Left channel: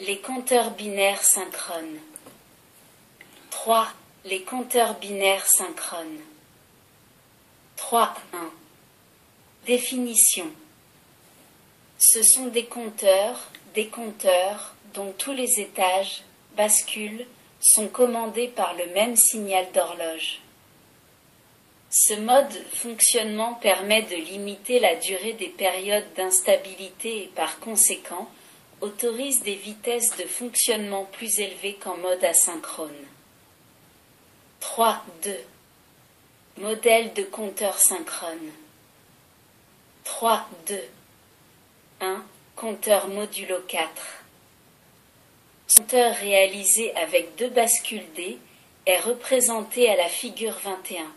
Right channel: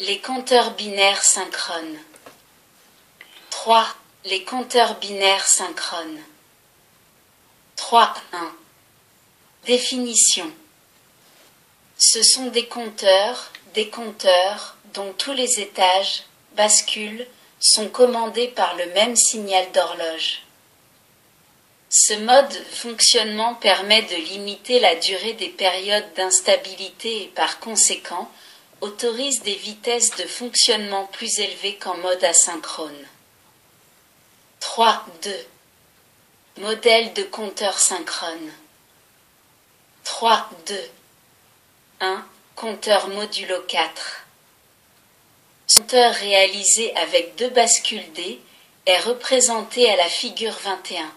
Les compteurs binaires synchrones. 3. Les compteurs binaires synchrones. 3.1. Définition. Ce sont des compteurs dont tous les étages, bascules, sont commandés par le même signal d'horloge. Ce mode fonctionnement permet de limiter la durée des périodes d'instabilité et par conséquent autorise des vitesses de fonctionnement plus élevées qu'en mode asynchrone. 3.2. Modèle de compteur synchrone. 3.2. 1. Compteur modulo 4. Compteur réalisé avec 2 bascules D est représenté à la figure 21.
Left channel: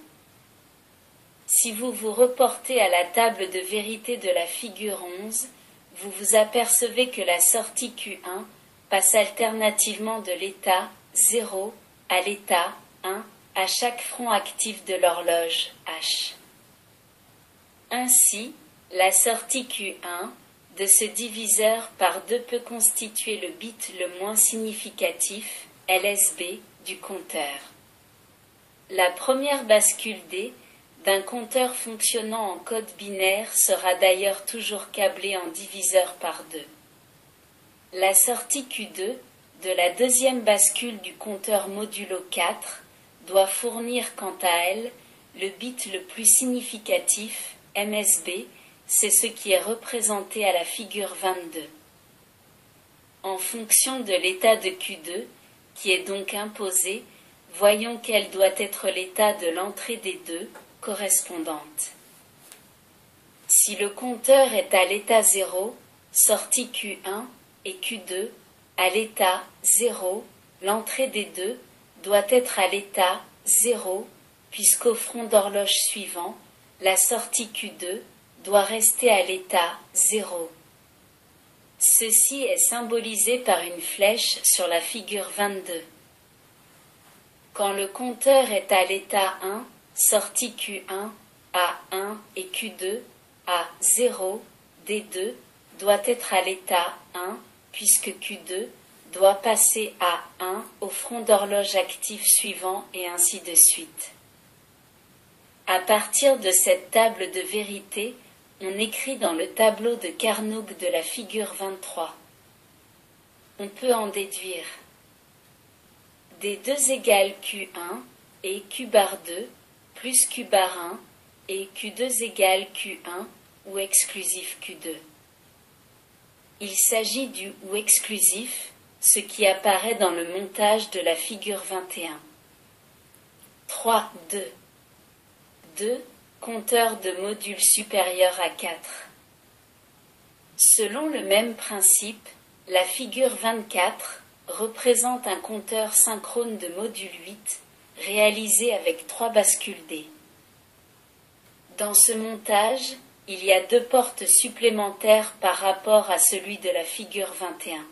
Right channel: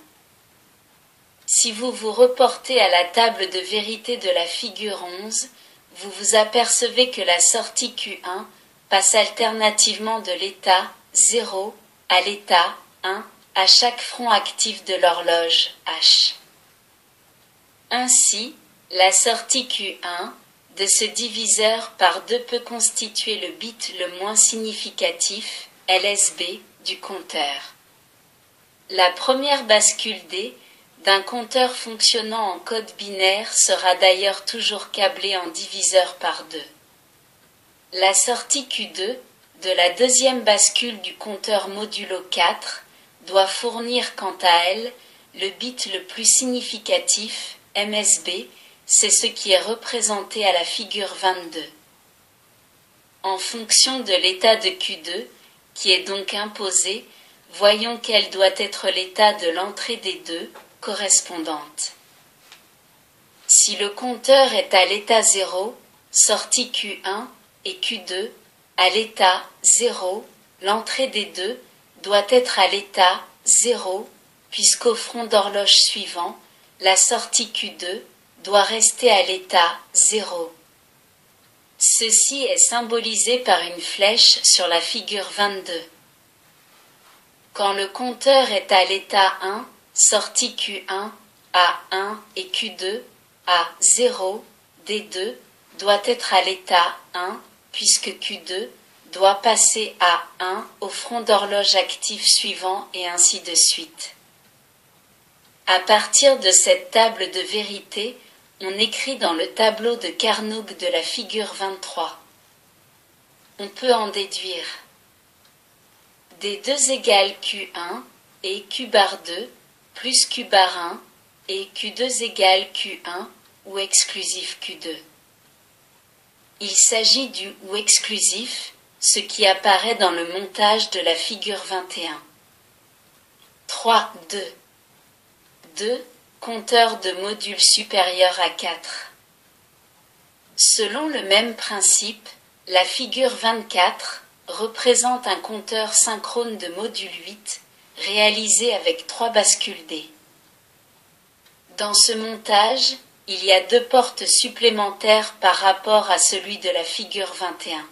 Si vous vous reportez à la table de vérité de la figure 11, vous vous apercevez que la sortie Q1 passe alternativement de l'état 0 à l'état 1 à chaque front actif de l'horloge H. Ainsi, la sortie Q1 de ce diviseur par 2 peut constituer le bit le moins significatif, LSB, du compteur. La première bascule D d'un compteur fonctionnant en code binaire sera d'ailleurs toujours câblée en diviseur par 2. La sortie Q2 de la deuxième bascule du compteur modulo 4 doit fournir quant à elle le bit le plus significatif, MSB, c'est ce qui est représenté à la figure 22. En fonction de l'état de Q2, qui est donc imposé, voyons quel doit être l'état de l'entrée des deux correspondantes. Si le compteur est à l'état 0, sortie Q1 et Q2, à l'état 0, l'entrée des deux doit être à l'état 0, puisqu'au front d'horloge suivant, la sortie Q2 doit rester à l'état 0. Ceci est symbolisé par une flèche sur la figure 22. Quand le compteur est à l'état 1, sortie Q1 à 1 et Q2 à 0, D2 doit être à l'état 1, puisque Q2 doit passer à 1 au front d'horloge actif suivant et ainsi de suite. À partir de cette table de vérité, on écrit dans le tableau de Carnot de la figure 23. On peut en déduire D2 égale Q1 et Q bar 2 plus Q bar 1 et Q2 égale Q1 ou exclusif Q2. Il s'agit du ou exclusif, ce qui apparaît dans le montage de la figure 21. 3, 2. 2. Compteur de module supérieur à 4. Selon le même principe, la figure 24 représente un compteur synchrone de module 8, réalisé avec 3 bascules D. Dans ce montage, il y a 2 portes supplémentaires par rapport à celui de la figure 21.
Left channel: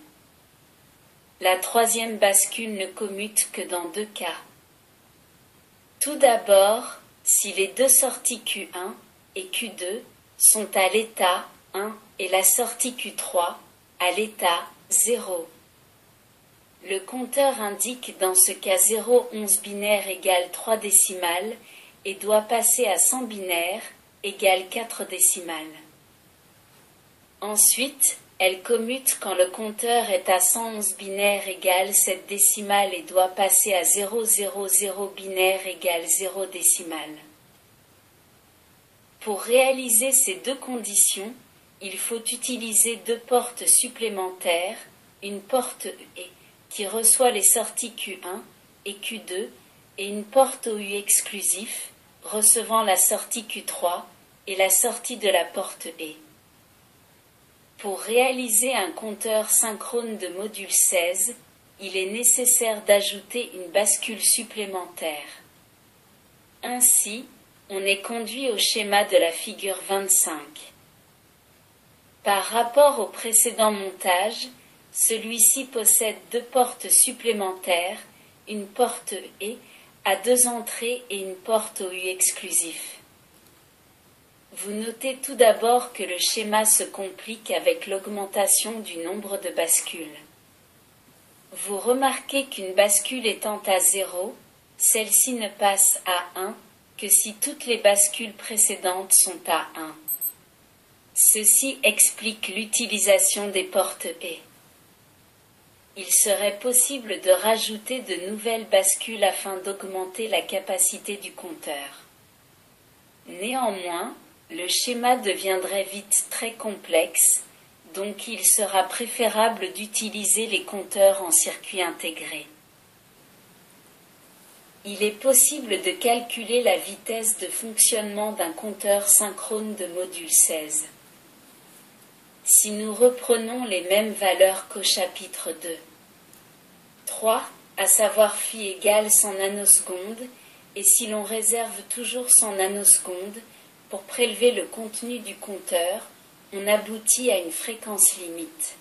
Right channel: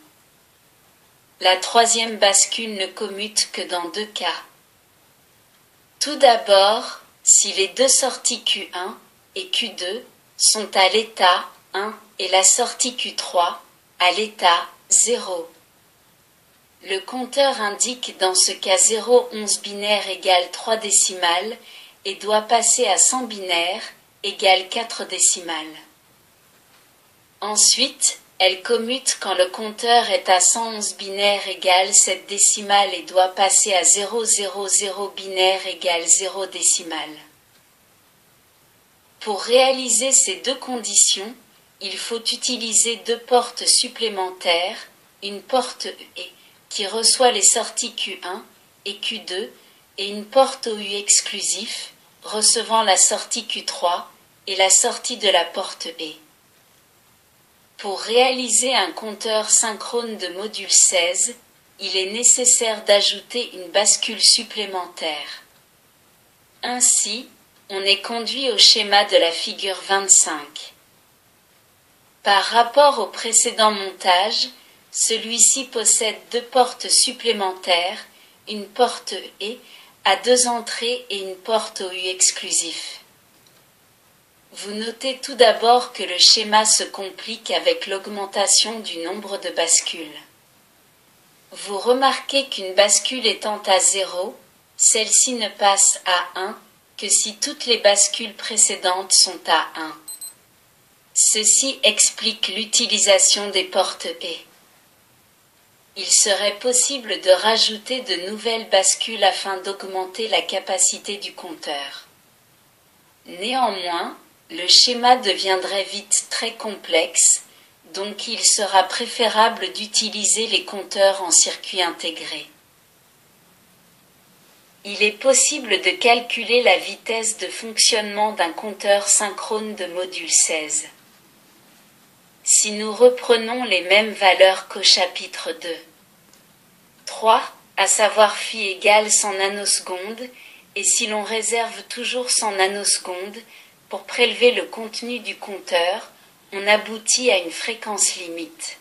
La troisième bascule ne commute que dans 2 cas. Tout d'abord, si les 2 sorties Q1 et Q2 sont à l'état 1 et la sortie Q3 à l'état 0. Le compteur indique dans ce cas 0, 11 binaires égale 3 décimales et doit passer à 100 binaires égale 4 décimales. Ensuite, elle commute quand le compteur est à 111 binaires égale 7 décimales et doit passer à 000 binaires égale 0 décimales. Pour réaliser ces 2 conditions, il faut utiliser 2 portes supplémentaires, une porte E qui reçoit les sorties Q1 et Q2 et une porte OU exclusif recevant la sortie Q3 et la sortie de la porte E. Pour réaliser un compteur synchrone de module 16, il est nécessaire d'ajouter une bascule supplémentaire. Ainsi, on est conduit au schéma de la figure 25. Par rapport au précédent montage, celui-ci possède 2 portes supplémentaires, une porte E à 2 entrées et une porte OU exclusif. Vous notez tout d'abord que le schéma se complique avec l'augmentation du nombre de bascules. Vous remarquez qu'une bascule étant à 0, celle-ci ne passe à 1 que si toutes les bascules précédentes sont à 1. Ceci explique l'utilisation des portes et. Il serait possible de rajouter de nouvelles bascules afin d'augmenter la capacité du compteur. Néanmoins, le schéma deviendrait vite très complexe, donc il sera préférable d'utiliser les compteurs en circuit intégré. Il est possible de calculer la vitesse de fonctionnement d'un compteur synchrone de module 16. Si nous reprenons les mêmes valeurs qu'au chapitre 2. 3, à savoir phi égale 100 nanosecondes, et si l'on réserve toujours 100 nanosecondes, pour prélever le contenu du compteur, on aboutit à une fréquence limite.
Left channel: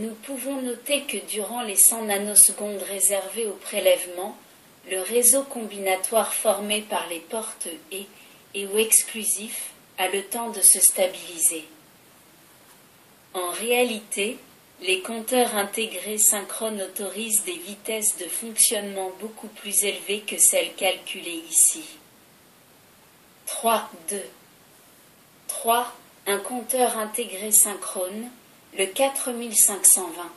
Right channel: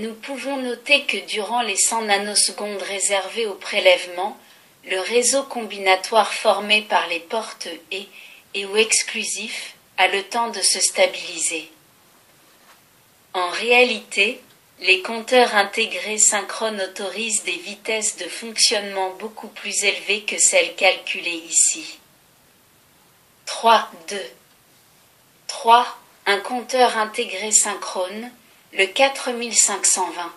Nous pouvons noter que durant les 100 nanosecondes réservées au prélèvement, le réseau combinatoire formé par les portes et ou exclusif a le temps de se stabiliser. En réalité, les compteurs intégrés synchrones autorisent des vitesses de fonctionnement beaucoup plus élevées que celles calculées ici. 3.2. 3. Un compteur intégré synchrone, le 4520.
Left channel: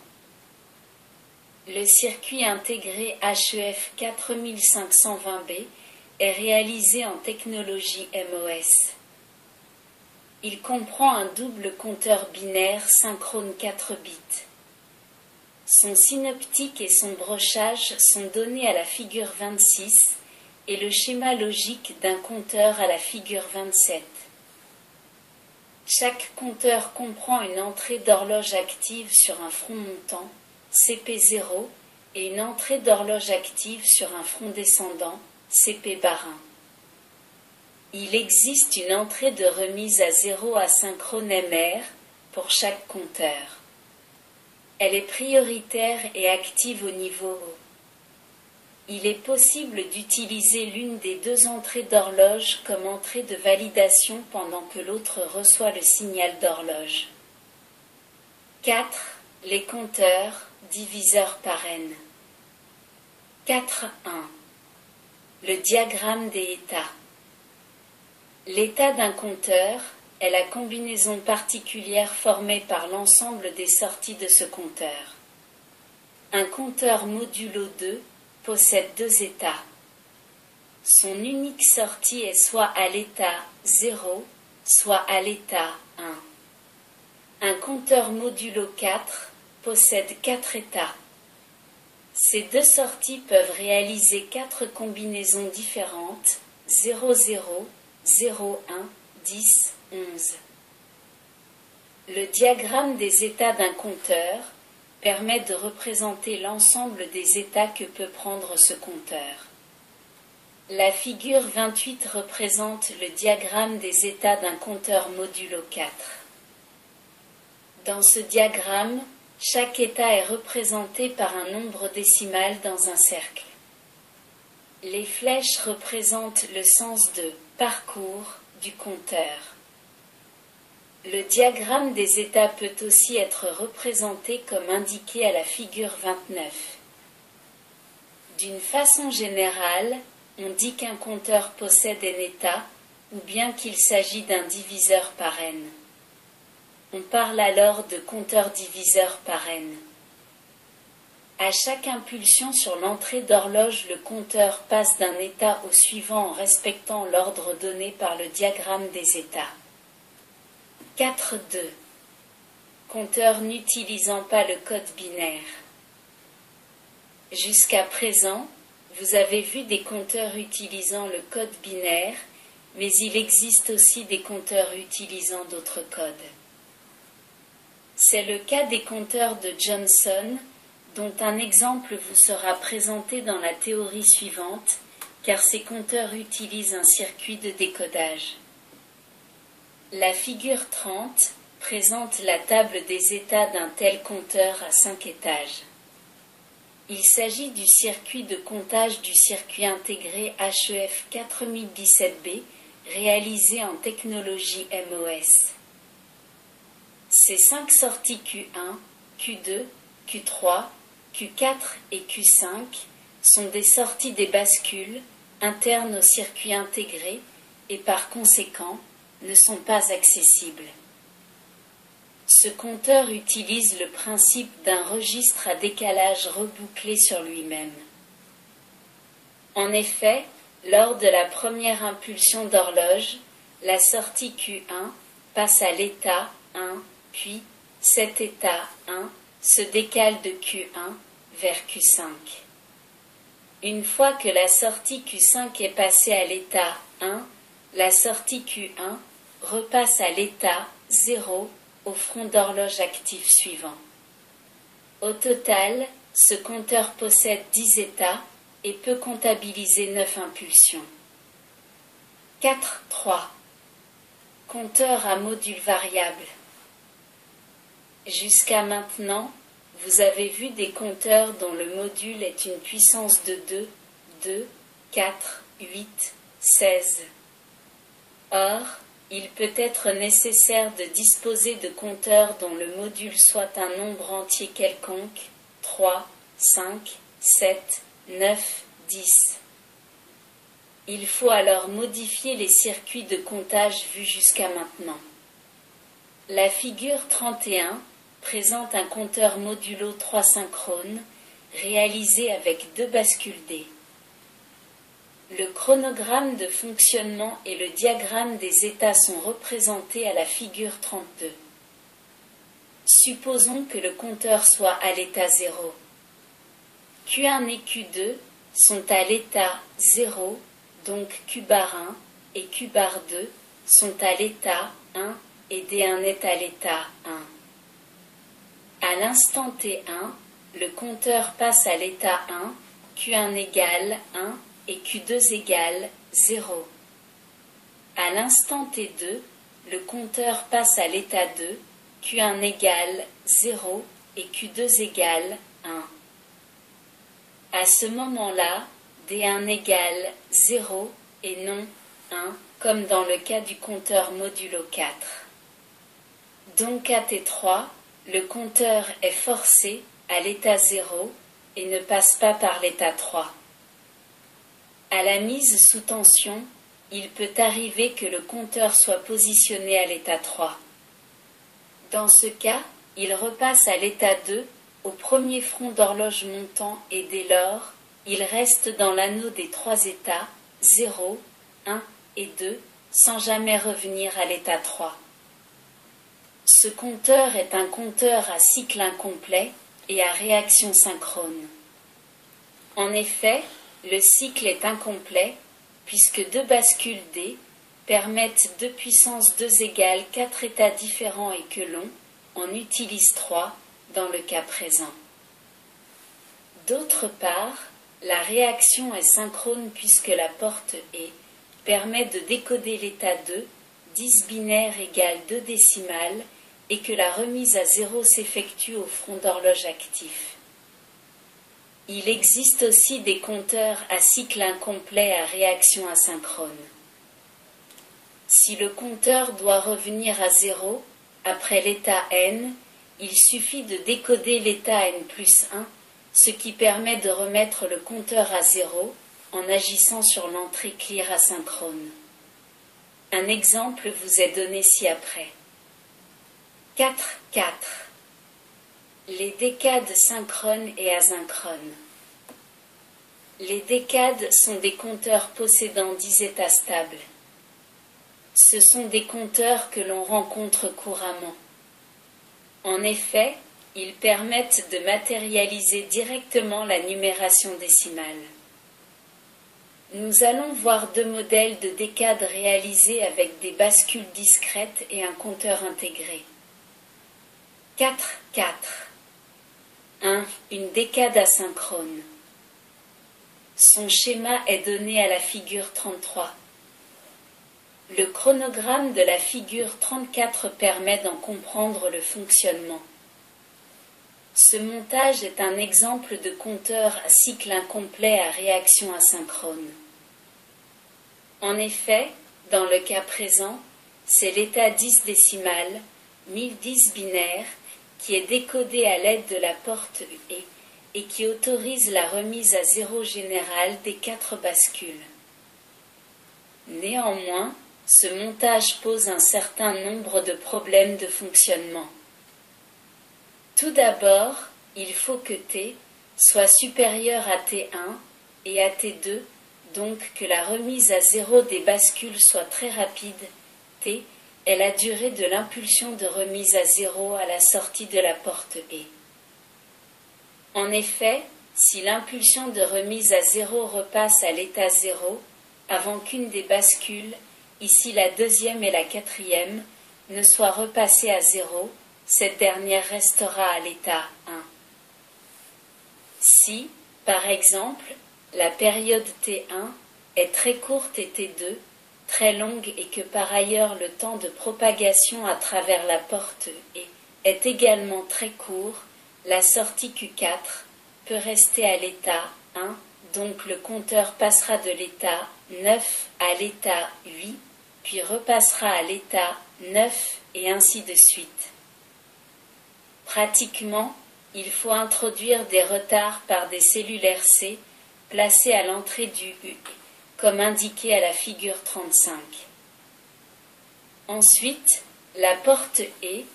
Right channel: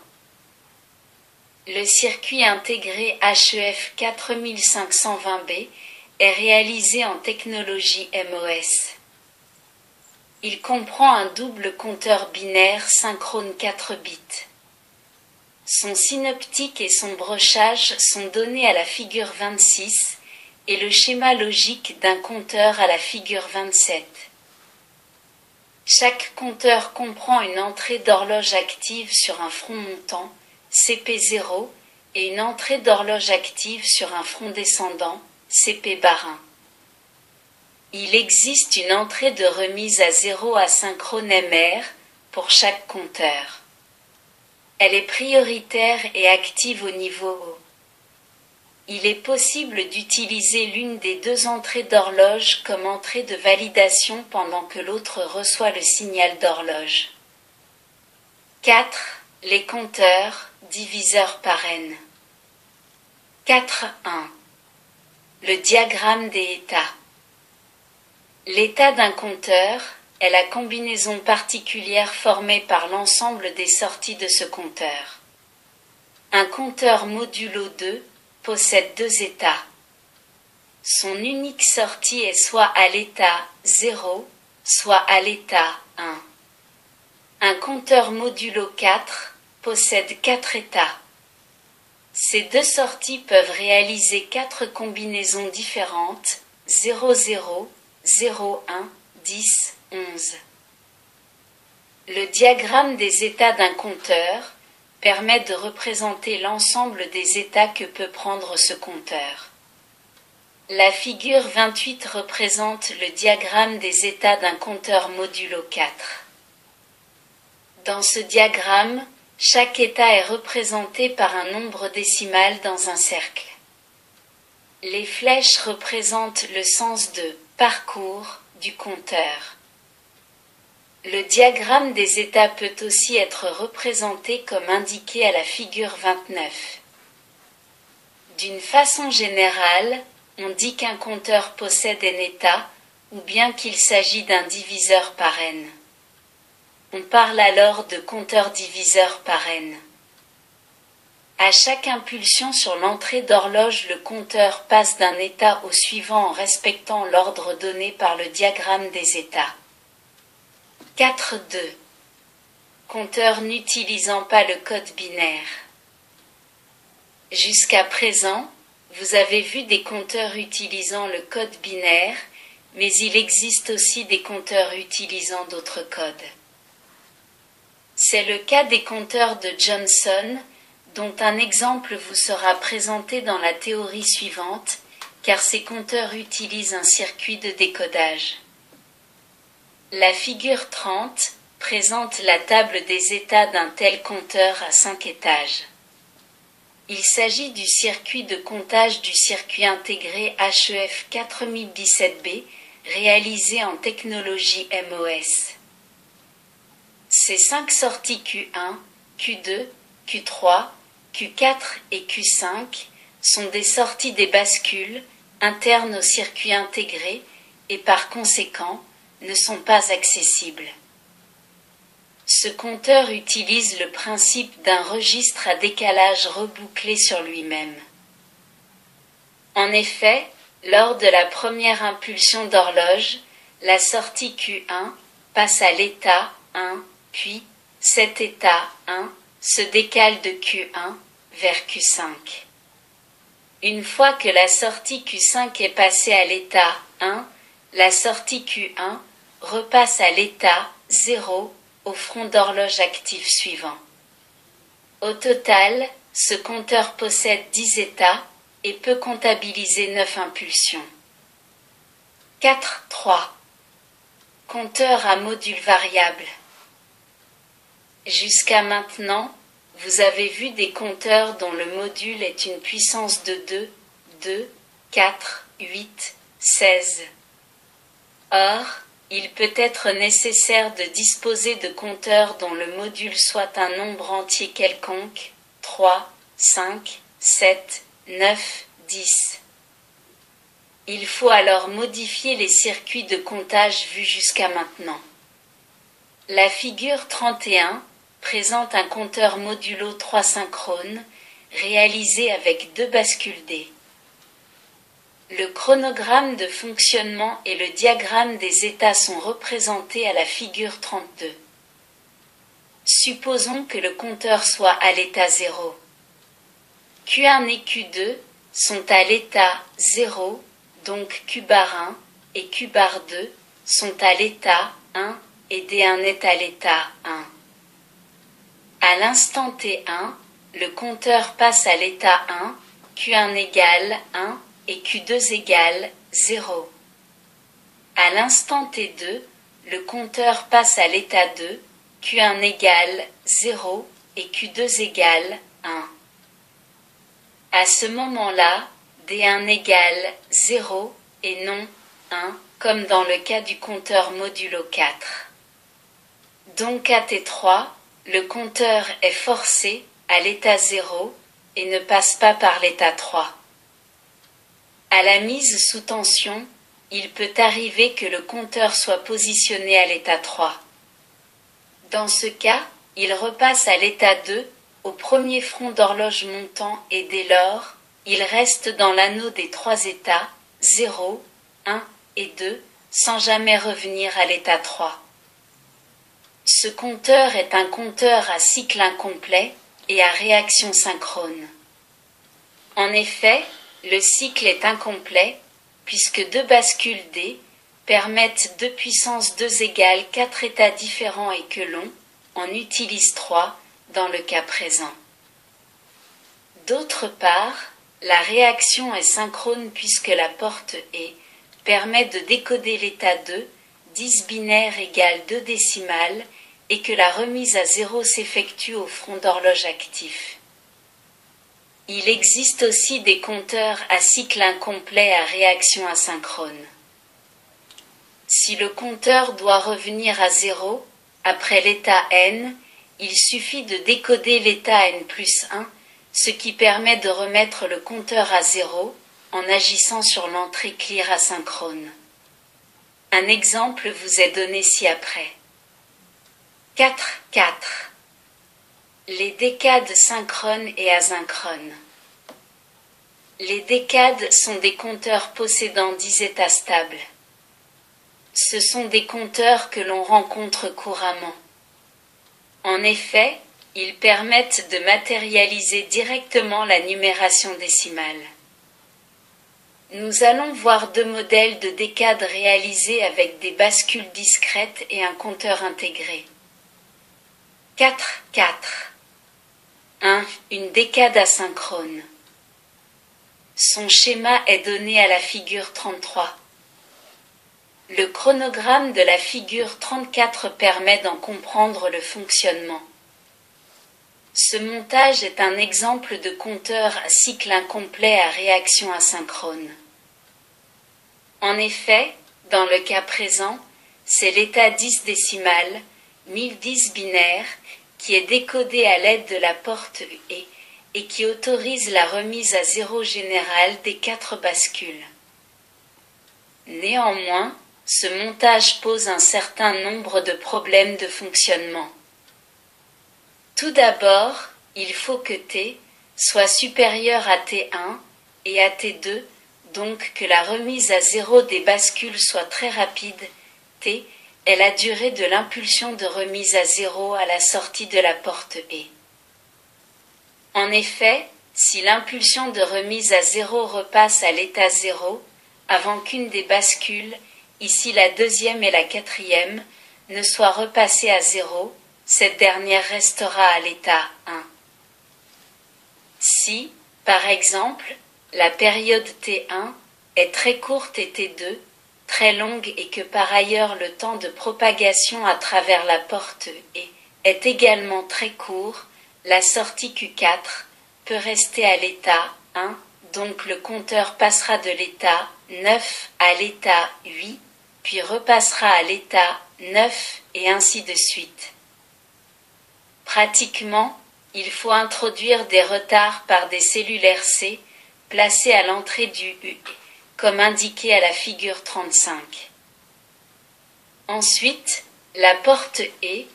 Le circuit intégré HEF 4520B est réalisé en technologie MOS. Il comprend un double compteur binaire synchrone 4 bits. Son synoptique et son brochage sont donnés à la figure 26 et le schéma logique d'un compteur à la figure 27. Chaque compteur comprend une entrée d'horloge active sur un front montant, CP0, et une entrée d'horloge active sur un front descendant, CP'. Il existe une entrée de remise à 0 asynchrone MR pour chaque compteur. Elle est prioritaire et active au niveau haut. Il est possible d'utiliser l'une des deux entrées d'horloge comme entrée de validation pendant que l'autre reçoit le signal d'horloge. 4. Les compteurs, diviseurs par n. 4.1. Le diagramme des états. L'état d'un compteur est la combinaison particulière formée par l'ensemble des sorties de ce compteur. Un compteur modulo 2 possède deux états. Son unique sortie est soit à l'état 0, soit à l'état 1. Un compteur modulo 4 possède 4 états. Ces deux sorties peuvent réaliser 4 combinaisons différentes, 0, 0, 0, 1, 10, 11. Le diagramme des états d'un compteur permet de représenter l'ensemble des états que peut prendre ce compteur. La figure 28 représente le diagramme des états d'un compteur modulo 4. Dans ce diagramme, chaque état est représenté par un nombre décimal dans un cercle. Les flèches représentent le sens de parcours du compteur. Le diagramme des états peut aussi être représenté comme indiqué à la figure 29. D'une façon générale, on dit qu'un compteur possède n états, ou bien qu'il s'agit d'un diviseur par n. On parle alors de compteur diviseur par n. À chaque impulsion sur l'entrée d'horloge, le compteur passe d'un état au suivant en respectant l'ordre donné par le diagramme des états. 4.2. Compteur n'utilisant pas le code binaire. Jusqu'à présent, vous avez vu des compteurs utilisant le code binaire, mais il existe aussi des compteurs utilisant d'autres codes. C'est le cas des compteurs de Johnson, dont un exemple vous sera présenté dans la théorie suivante, car ces compteurs utilisent un circuit de décodage. La figure 30 présente la table des états d'un tel compteur à 5 étages. Il s'agit du circuit de comptage du circuit intégré HEF 4017B, réalisé en technologie MOS. Ces 5 sorties Q1, Q2, Q3, Q4 et Q5 sont des sorties des bascules internes au circuit intégré et par conséquent ne sont pas accessibles. Ce compteur utilise le principe d'un registre à décalage rebouclé sur lui-même. En effet, lors de la première impulsion d'horloge, la sortie Q1 passe à l'état 1, puis cet état 1 se décale de Q1 vers Q5. Une fois que la sortie Q5 est passée à l'état 1, la sortie Q1 repasse à l'état 0 au front d'horloge actif suivant. Au total, ce compteur possède 10 états et peut comptabiliser 9 impulsions. 4.3. Compteur à module variable. Jusqu'à maintenant, vous avez vu des compteurs dont le module est une puissance de 2, 4, 8, 16. Or, il peut être nécessaire de disposer de compteurs dont le module soit un nombre entier quelconque, 3, 5, 7, 9, 10. Il faut alors modifier les circuits de comptage vus jusqu'à maintenant. La figure 31 présente un compteur modulo 3 synchrone, réalisé avec 2 bascules D. Le chronogramme de fonctionnement et le diagramme des états sont représentés à la figure 32. Supposons que le compteur soit à l'état 0. Q1 et Q2 sont à l'état 0, donc Q bar 1 et Q bar 2 sont à l'état 1 et D1 est à l'état 1. À l'instant T1, le compteur passe à l'état 1, Q1 égale 1 et Q2 égale 0. À l'instant T2, le compteur passe à l'état 2, Q1 égale 0 et Q2 égale 1. À ce moment-là, D1 égale 0 et non 1, comme dans le cas du compteur modulo 4. Donc à T3, le compteur est forcé à l'état 0 et ne passe pas par l'état 3. À la mise sous tension, il peut arriver que le compteur soit positionné à l'état 3. Dans ce cas, il repasse à l'état 2 au premier front d'horloge montant et dès lors, il reste dans l'anneau des 3 états 0, 1 et 2 sans jamais revenir à l'état 3. Ce compteur est un compteur à cycle incomplet et à réaction synchrone. En effet, le cycle est incomplet puisque 2 bascules D permettent 2 puissance 2 égale 4 états différents et que l'on en utilise 3 dans le cas présent. D'autre part, la réaction est synchrone puisque la porte E permet de décoder l'état 2, 10 binaire égale 2 décimales, et que la remise à 0 s'effectue au front d'horloge actif. Il existe aussi des compteurs à cycle incomplet à réaction asynchrone. Si le compteur doit revenir à 0, après l'état N, il suffit de décoder l'état N plus 1, ce qui permet de remettre le compteur à 0 en agissant sur l'entrée clear asynchrone. Un exemple vous est donné ci-après. 4.4. Les décades synchrones et asynchrones. Les décades sont des compteurs possédant 10 états stables. Ce sont des compteurs que l'on rencontre couramment. En effet, ils permettent de matérialiser directement la numération décimale. Nous allons voir 2 modèles de décades réalisés avec des bascules discrètes et un compteur intégré. 4.4. 1. Une décade asynchrone. Son schéma est donné à la figure 33. Le chronogramme de la figure 34 permet d'en comprendre le fonctionnement. Ce montage est un exemple de compteur à cycle incomplet à réaction asynchrone. En effet, dans le cas présent, c'est l'état 10 décimal, 1010 binaire, qui est décodé à l'aide de la porte UE et qui autorise la remise à zéro générale des 4 bascules. Néanmoins, ce montage pose un certain nombre de problèmes de fonctionnement. Tout d'abord, il faut que T soit supérieur à T1 et à T2, donc que la remise à zéro des bascules soit très rapide. T est la durée de l'impulsion de remise à zéro à la sortie de la porte E. En effet, si l'impulsion de remise à zéro repasse à l'état zéro, avant qu'une des bascules, ici la deuxième et la quatrième, ne soit repassée à zéro, cette dernière restera à l'état 1. Si, par exemple, la période T1 est très courte et T2 très longue et que par ailleurs le temps de propagation à travers la porte E est également très court, la sortie Q4 peut rester à l'état 1, donc le compteur passera de l'état 9 à l'état 8, puis repassera à l'état 9 et ainsi de suite. Pratiquement, il faut introduire des retards par des cellules RC placées à l'entrée du UE, comme indiqué à la figure 35. Ensuite, la porte E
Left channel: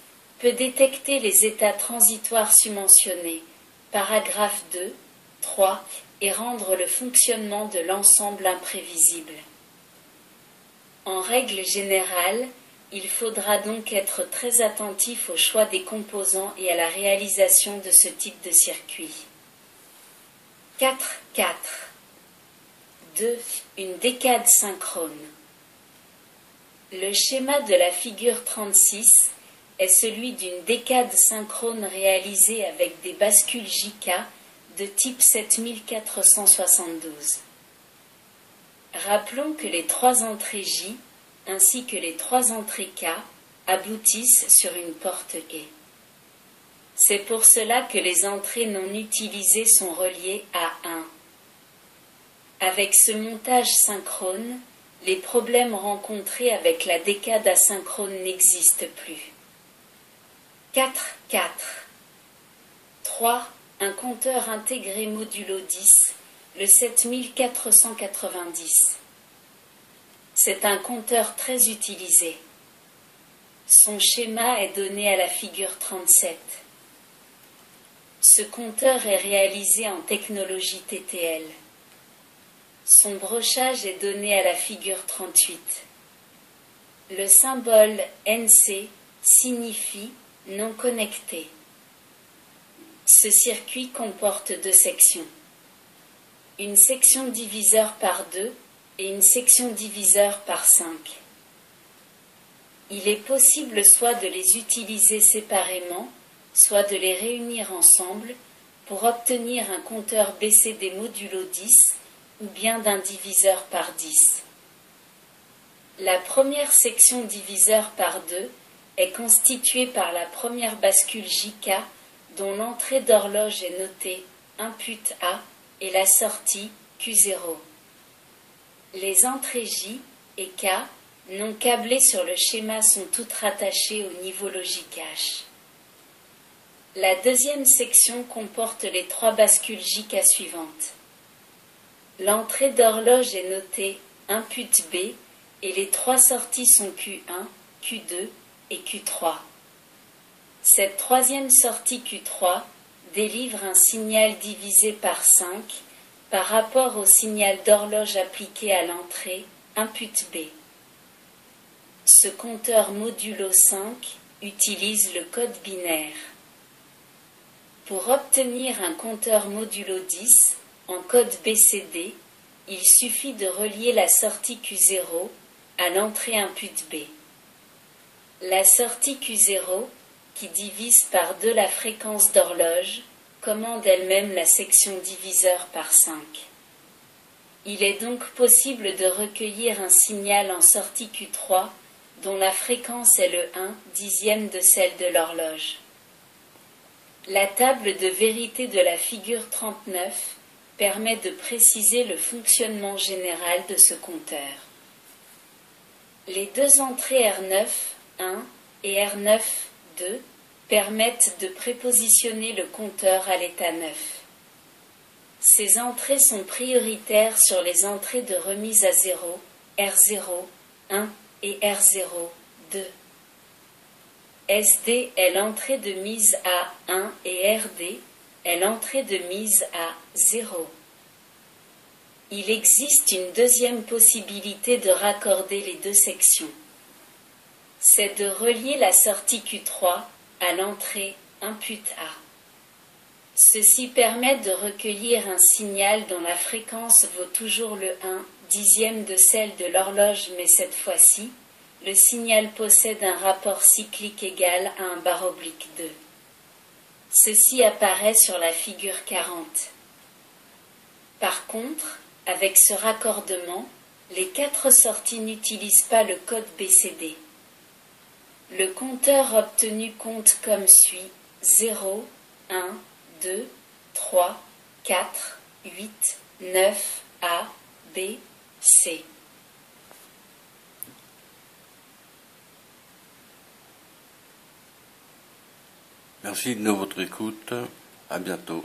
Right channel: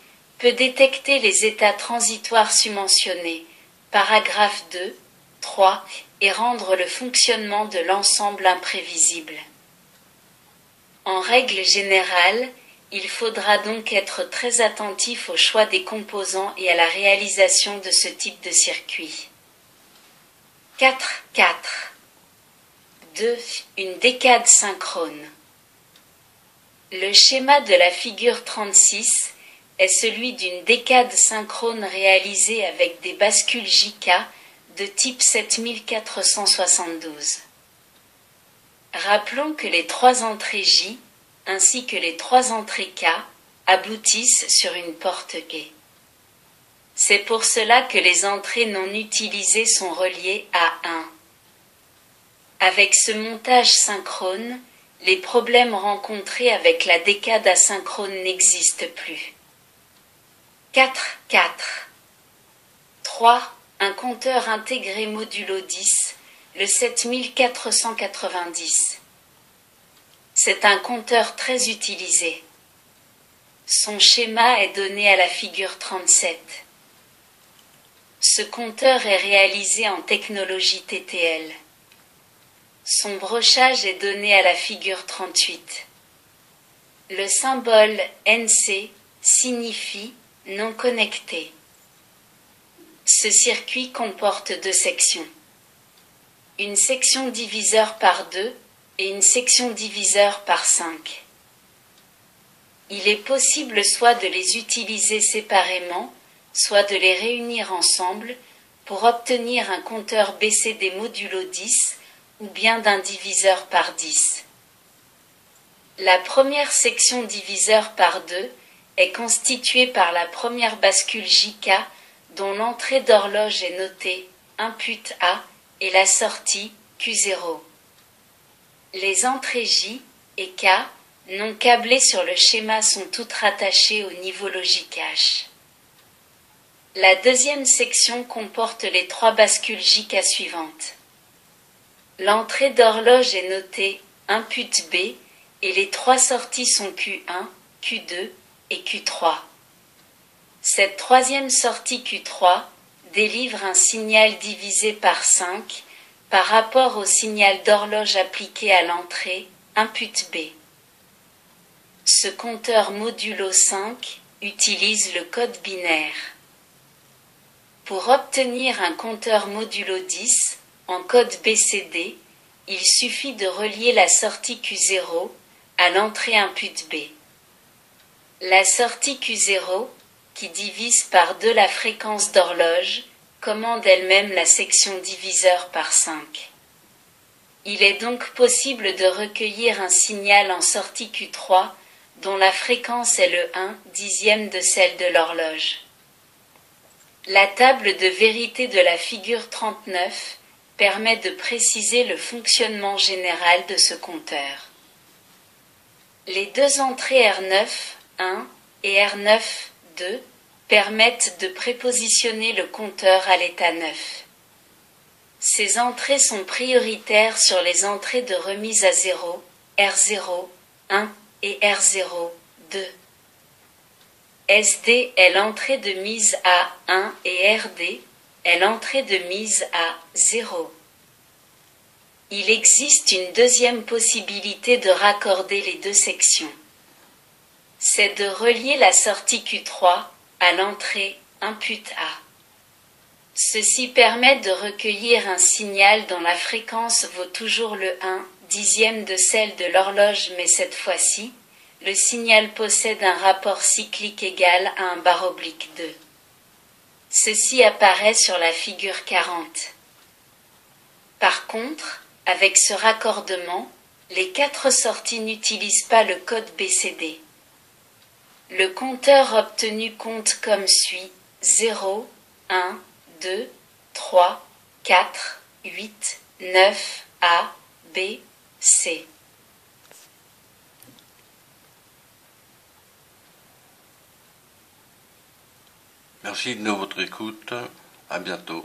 peut détecter les états transitoires submentionnés, paragraphe 2, 3, et rendre le fonctionnement de l'ensemble imprévisible. En règle générale, il faudra donc être très attentif au choix des composants et à la réalisation de ce type de circuit. 4.4. 2. Une décade synchrone. Le schéma de la figure 36 est celui d'une décade synchrone réalisée avec des bascules JK de type 7472. Rappelons que les 3 entrées J, ainsi que les 3 entrées K, aboutissent sur une porte E. C'est pour cela que les entrées non utilisées sont reliées à 1. Avec ce montage synchrone, les problèmes rencontrés avec la décade asynchrone n'existent plus. 4.4. 3. Un compteur intégré modulo 10, le 7490. C'est un compteur très utilisé. Son schéma est donné à la figure 37. Ce compteur est réalisé en technologie TTL. Son brochage est donné à la figure 38. Le symbole NC signifie non connecté. Ce circuit comporte 2 sections. Une section diviseur par 2 et une section diviseur par 5. Il est possible soit de les utiliser séparément, soit de les réunir ensemble pour obtenir un compteur BCD modulo 10 ou bien d'un diviseur par 10. La première section diviseur par 2 est constituée par la première bascule JK dont l'entrée d'horloge est notée input A et la sortie Q0. Les entrées J et K non câblées sur le schéma sont toutes rattachées au niveau logique H. La deuxième section comporte les 3 bascules JK suivantes. L'entrée d'horloge est notée input B et les 3 sorties sont Q1, Q2 et Q3. Cette troisième sortie Q3 délivre un signal divisé par 5 par rapport au signal d'horloge appliqué à l'entrée input B. Ce compteur modulo 5 utilise le code binaire. Pour obtenir un compteur modulo 10 en code BCD, il suffit de relier la sortie Q0 à l'entrée input B. La sortie Q0, qui divise par 2 la fréquence d'horloge, commande elle-même la section diviseur par 5. Il est donc possible de recueillir un signal en sortie Q3 dont la fréquence est le 1/10 de celle de l'horloge. La table de vérité de la figure 39 permet de préciser le fonctionnement général de ce compteur. Les 2 entrées R9, 1 et R9, 2 permettent de prépositionner le compteur à l'état neuf. Ces entrées sont prioritaires sur les entrées de remise à 0, R0, 1 et R0, 2. SD est l'entrée de mise à 1 et RD est l'entrée de mise à 0. Il existe une deuxième possibilité de raccorder les deux sections. C'est de relier la sortie Q3 à l'entrée input A. Ceci permet de recueillir un signal dont la fréquence vaut toujours le 1/10 de celle de l'horloge, mais cette fois-ci, le signal possède un rapport cyclique égal à un /2. Ceci apparaît sur la figure 40. Par contre, avec ce raccordement, les 4 sorties n'utilisent pas le code BCD. Le compteur obtenu compte comme suit: 0, 1, 2, 3, 4, 8, 9, A, B, C. Merci de votre écoute. À bientôt.